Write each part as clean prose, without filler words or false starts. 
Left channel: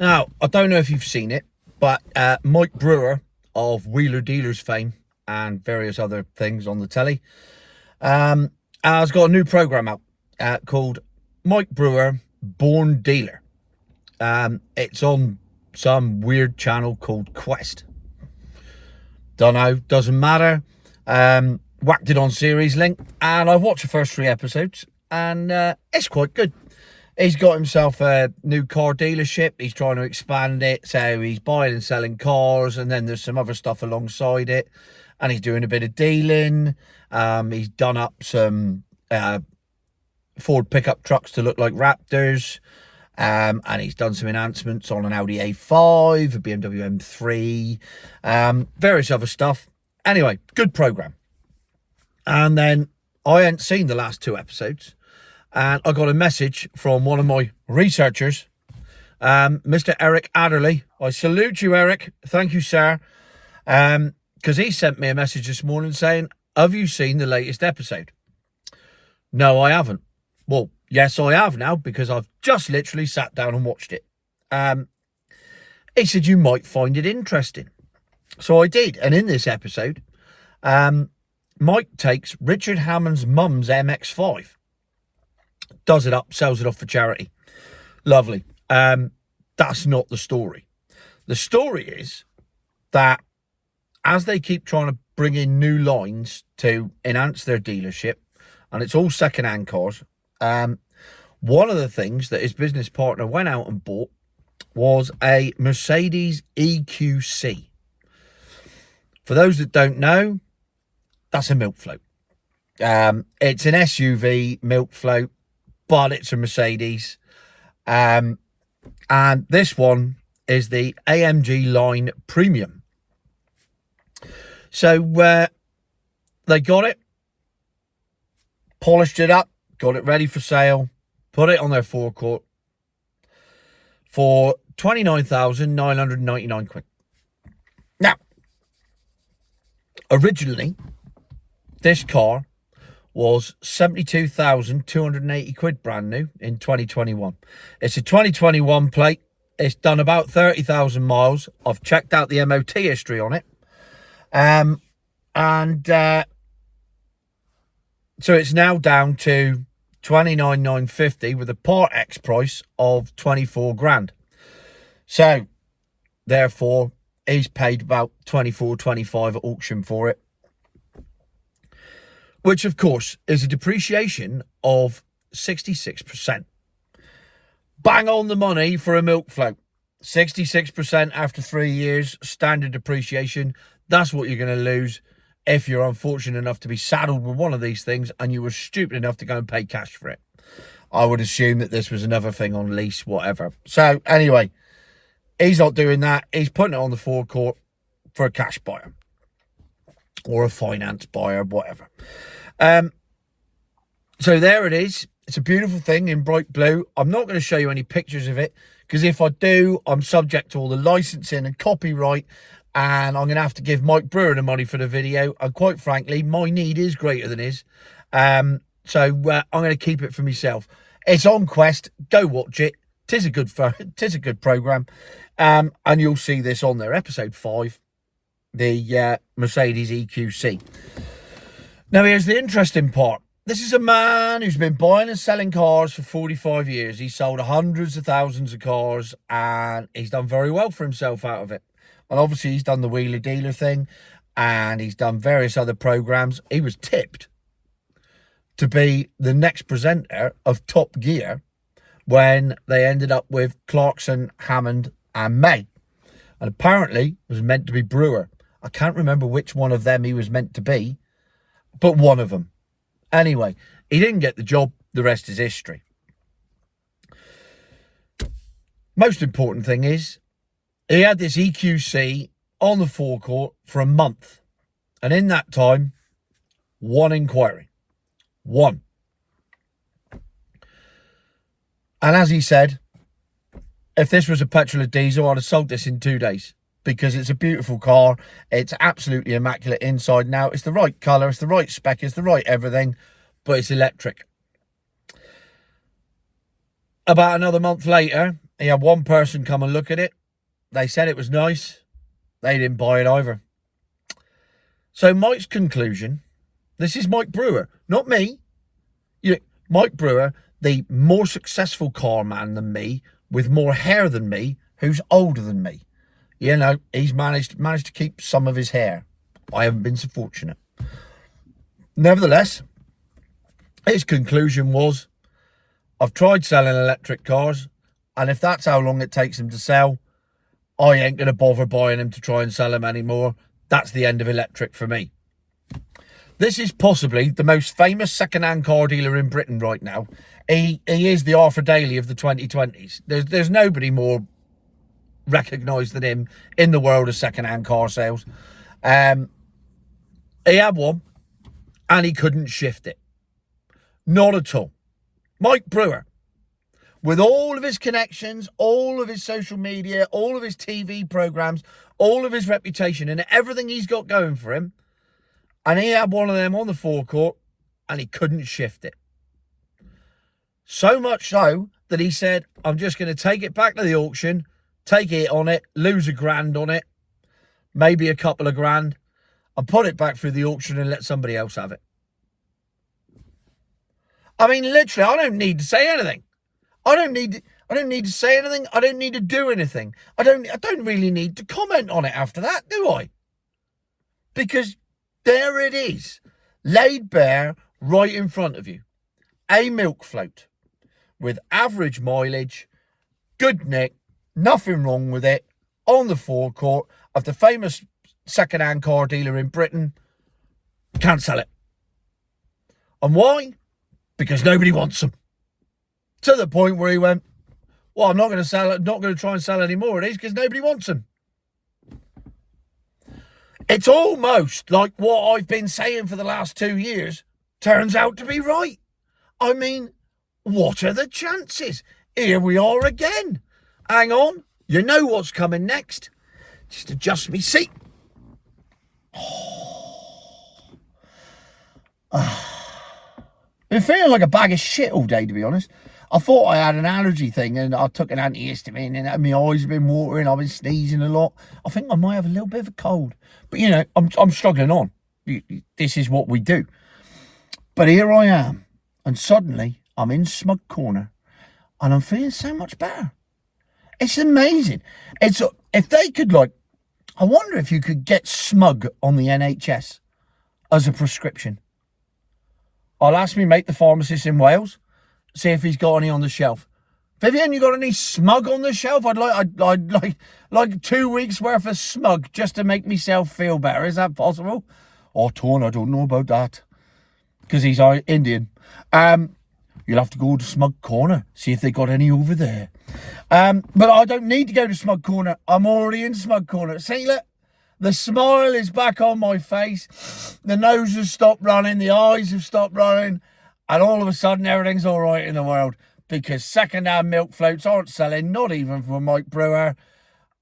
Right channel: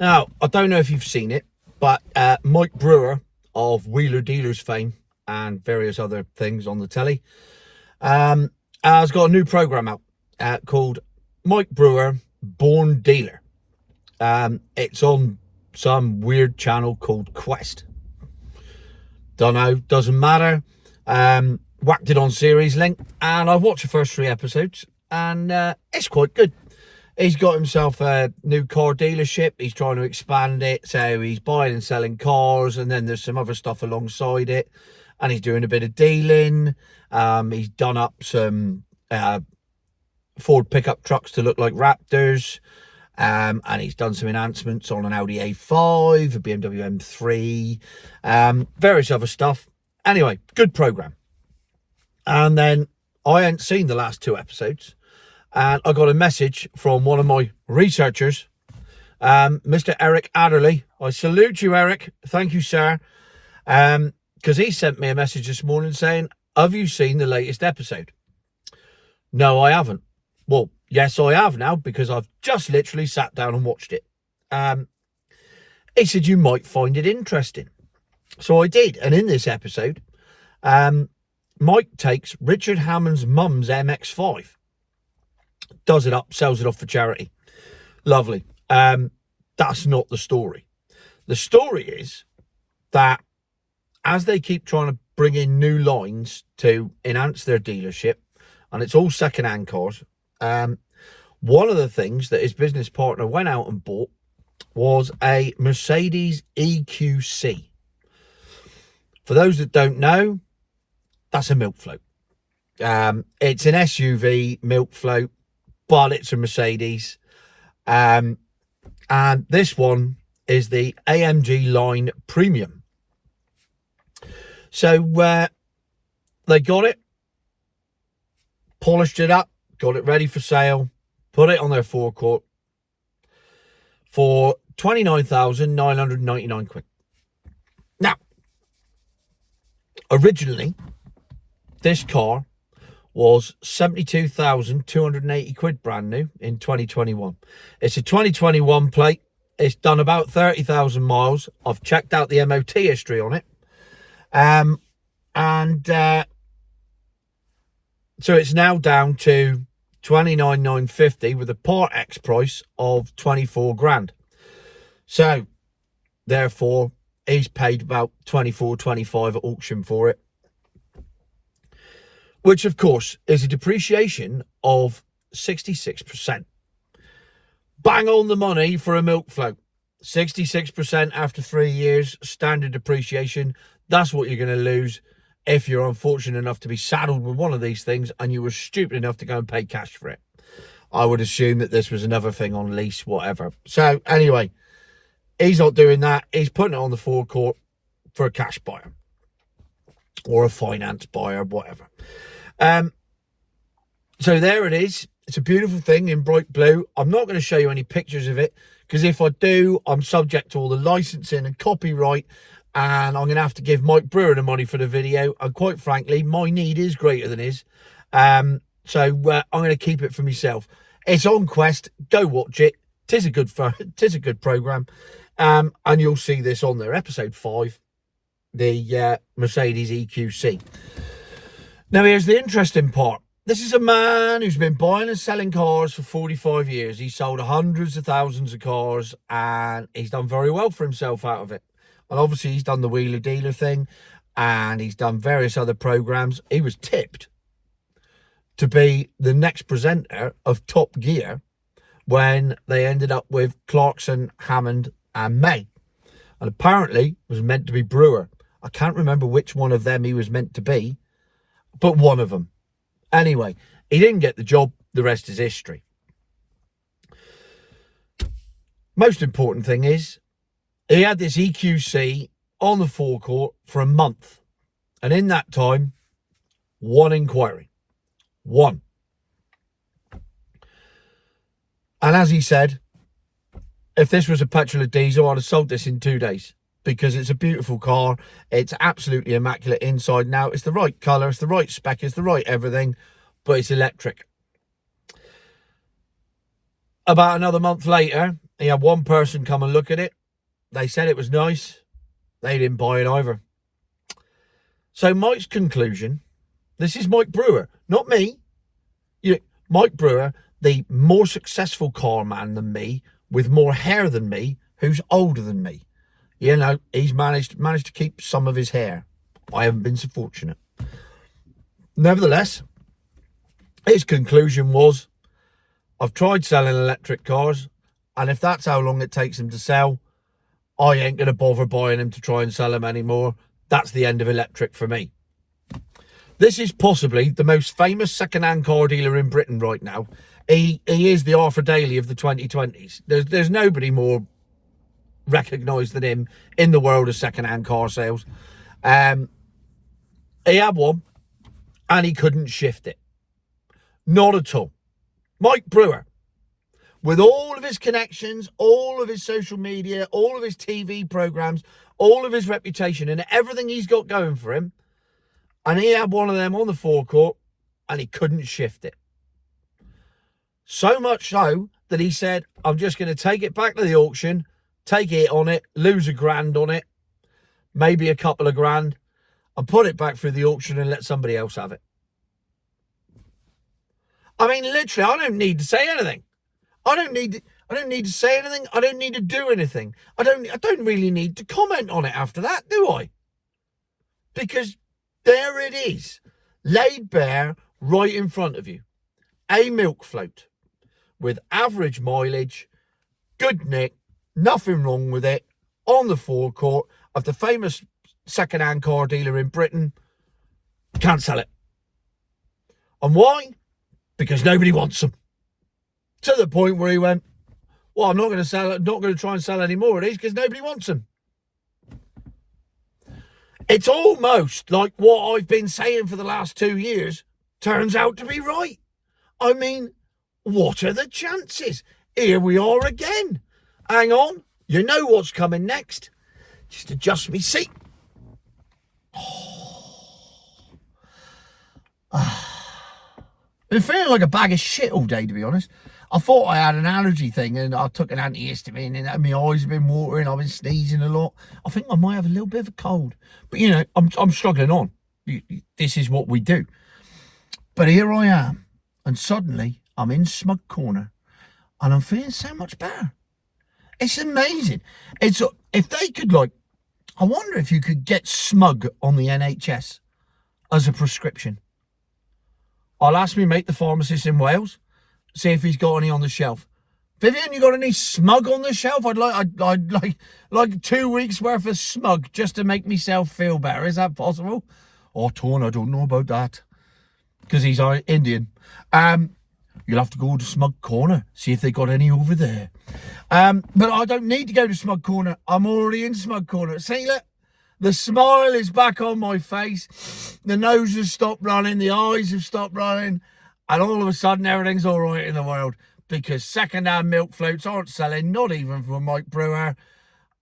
Now, I don't know if you've seen it, but Mike Brewer of Wheeler Dealers fame and various other things on the telly has got a new program out called Mike Brewer Born Dealer. It's on some weird channel called Quest. Don't know, doesn't matter. Whacked it on Series Link, and I've watched the first 3 episodes, and it's quite good. He's got himself a new car dealership. He's trying to expand it. So he's buying and selling cars, and then there's some other stuff alongside it. And he's doing a bit of dealing. He's done up some Ford pickup trucks to look like Raptors. And he's done some enhancements on an Audi A5, a BMW M3, various other stuff. Anyway, good program. And then I hadn't seen the last 2 episodes. And I got a message from one of my researchers, Mr. Eric Adderley. I salute you, Eric. Thank you, sir. Because he sent me a message this morning saying, have you seen the latest episode? No, I haven't. Well, yes, I have now, because I've just literally sat down and watched it. He said you might find it interesting. So I did. And in this episode, Mike takes Richard Hammond's mum's MX-5. Does it up, sells it off for charity. Lovely. That's not the story. The story is that as they keep trying to bring in new lines to enhance their dealership, and it's all second-hand cars, one of the things that his business partner went out and bought was a Mercedes EQC. For those that don't know, that's a milk float. It's an SUV milk float, but it's a Mercedes. And this one is the AMG line premium. So they got it, polished it up, got it ready for sale, put it on their forecourt for 29,999 quid. Now, originally, this car was 72,280 quid brand new in 2021. It's a 2021 plate. It's done about 30,000 miles. I've checked out the MOT history on it. So it's now down to 29,950 with a Part X price of 24 grand. So, therefore, he's paid about 24, 25 at auction for it. Which, of course, is a depreciation of 66%. Bang on the money for a milk float. 66% after 3 years, standard depreciation. That's what you're going to lose if you're unfortunate enough to be saddled with one of these things and you were stupid enough to go and pay cash for it. I would assume that this was another thing on lease, whatever. So, anyway, he's not doing that. He's putting it on the forecourt for a cash buyer. Or a finance buyer, whatever. So there it is. It's a beautiful thing in bright blue. I'm not going to show you any pictures of it, because if I do, I'm subject to all the licensing and copyright, and I'm going to have to give Mike Brewer the money for the video. And quite frankly, my need is greater than his. So I'm going to keep it for myself. It's on Quest. Go watch it. Tis a good program. And you'll see this on there. Episode 5, the Mercedes EQC. Now, here's the interesting part. This is a man who's been buying and selling cars for 45 years. He's sold hundreds of thousands of cars, and he's done very well for himself out of it. And obviously, he's done the Wheeler Dealer thing, and he's done various other programs. He was tipped to be the next presenter of Top Gear when they ended up with Clarkson, Hammond, and May. And apparently, it was meant to be Brewer. I can't remember which one of them he was meant to be, but one of them. Anyway, he didn't get the job. The rest is history. Most important thing is, he had this EQC on the forecourt for a month. And in that time, 1 inquiry. 1. And as he said, if this was a petrol or diesel, I'd have sold this in 2 days. Because it's a beautiful car. It's absolutely immaculate inside and out. It's the right colour. It's the right spec. It's the right everything. But it's electric. About another month later, He had one person come and look at it. They said it was nice. They didn't buy it either. So Mike's conclusion, this is Mike Brewer, not me. Mike Brewer, the more successful car man than me, with more hair than me, who's older than me. He's managed to keep some of his hair. I haven't been so fortunate. Nevertheless, his conclusion was, I've tried selling electric cars, and if that's how long it takes them to sell, I ain't going to bother buying them to try and sell them anymore. That's the end of electric for me. This is possibly the most famous second-hand car dealer in Britain right now. He is the Arthur Daly of the 2020s. There's nobody more recognised than him in the world of second-hand car sales. He had one, and he couldn't shift it. Not at all. Mike Brewer, with all of his connections, all of his social media, all of his TV programmes, all of his reputation and everything he's got going for him, and he had one of them on the forecourt, and he couldn't shift it. So much so that he said, I'm just going to take it back to the auction, take it on it, lose $1,000 on it, maybe a couple of grand, and put it back through the auction and let somebody else have it. I mean, literally, I don't need to say anything. I don't need to say anything. I don't need to do anything. I don't really need to comment on it after that, do I? Because there it is, laid bare right in front of you. A milk float with average mileage, good nick, nothing wrong with it, on the forecourt of the famous second-hand car dealer in Britain. Can't sell it. And why? Because nobody wants them. To the point where he went, well, I'm not going to sell it, not going to try and sell any more of these because nobody wants them. It's almost like what I've been saying for the last 2 years turns out to be right. I mean, what are the chances? Here we are again. Hang on. You know what's coming next. Just adjust me seat. Been feeling like a bag of shit all day, to be honest. I thought I had an allergy thing and I took an antihistamine and my eyes have been watering. I've been sneezing a lot. I think I might have a little bit of a cold. But, I'm struggling on. This is what we do. But here I am. And suddenly I'm in Smug Corner and I'm feeling so much better. It's amazing. If they could, I wonder if you could get Smug on the NHS as a prescription. I'll ask me mate, the pharmacist in Wales, see if he's got any on the shelf. Vivian, you got any Smug on the shelf? I'd like 2 weeks worth of Smug just to make myself feel better. Is that possible? Oh, Torn, I don't know about that. Because he's Indian. You'll have to go to Smug Corner, see if they got any over there. But I don't need to go to Smug Corner. I'm already in Smug Corner. See, look, the smile is back on my face. The nose has stopped running. The eyes have stopped running. And all of a sudden, everything's all right in the world. Because second-hand milk floats aren't selling, not even for Mike Brewer.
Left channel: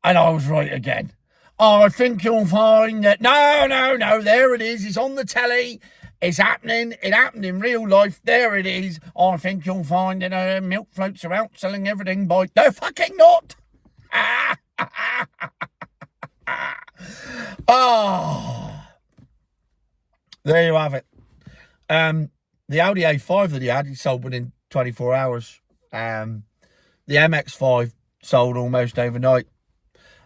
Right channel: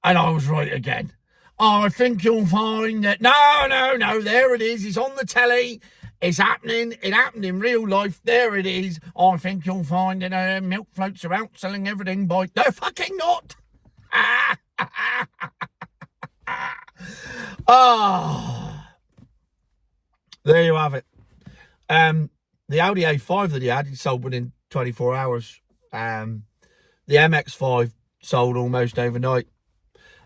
And I was right again. Oh, I think you'll find that... No, there it is. It's on the telly. It's happening. It happened in real life. There it is. I think you'll find that milk floats are out selling everything by... They're fucking not. Oh. There you have it. The Audi A5 that he sold within 24 hours. The MX-5 sold almost overnight.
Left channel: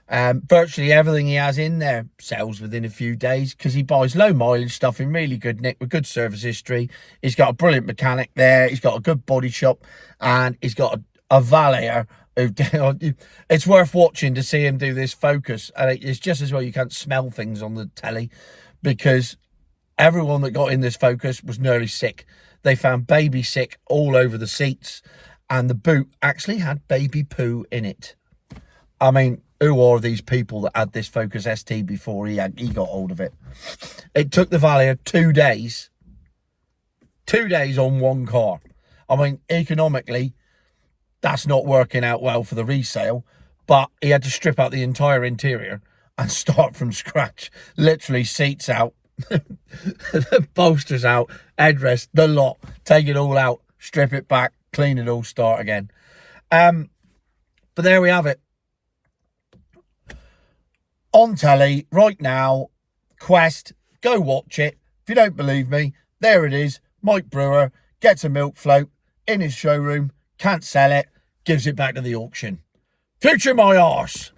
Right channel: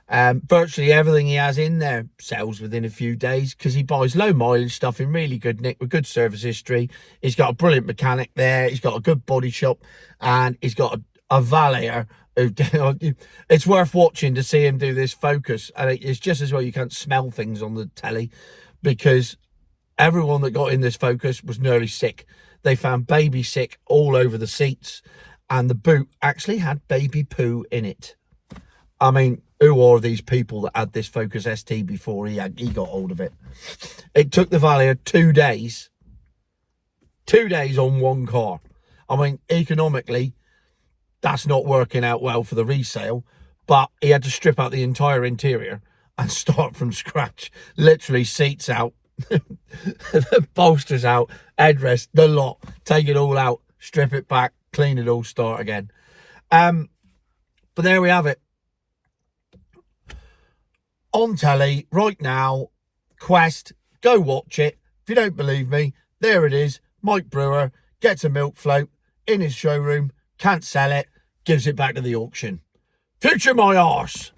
Virtually everything he has in there sells within a few days because he buys low mileage stuff in really good nick with good service history. He's got a brilliant mechanic there. He's got a good body shop and he's got a valeter. It's worth watching to see him do this Focus. And it's just as well you can't smell things on the telly because everyone that got in this Focus was nearly sick. They found baby sick all over the seats and the boot actually had baby poo in it. I mean, who are these people that had this Focus ST before he got hold of it? It took the valet 2 days. 2 days on one car. I mean, economically, that's not working out well for the resale, but he had to strip out the entire interior and start from scratch. Literally seats out, the bolsters out, headrest, the lot, take it all out, strip it back, clean it all, start again. But there we have it. On telly right now, Quest, go watch it. If you don't believe me, there it is. Mike Brewer gets a milk float in his showroom, can't sell it, gives it back to the auction. Future my arse.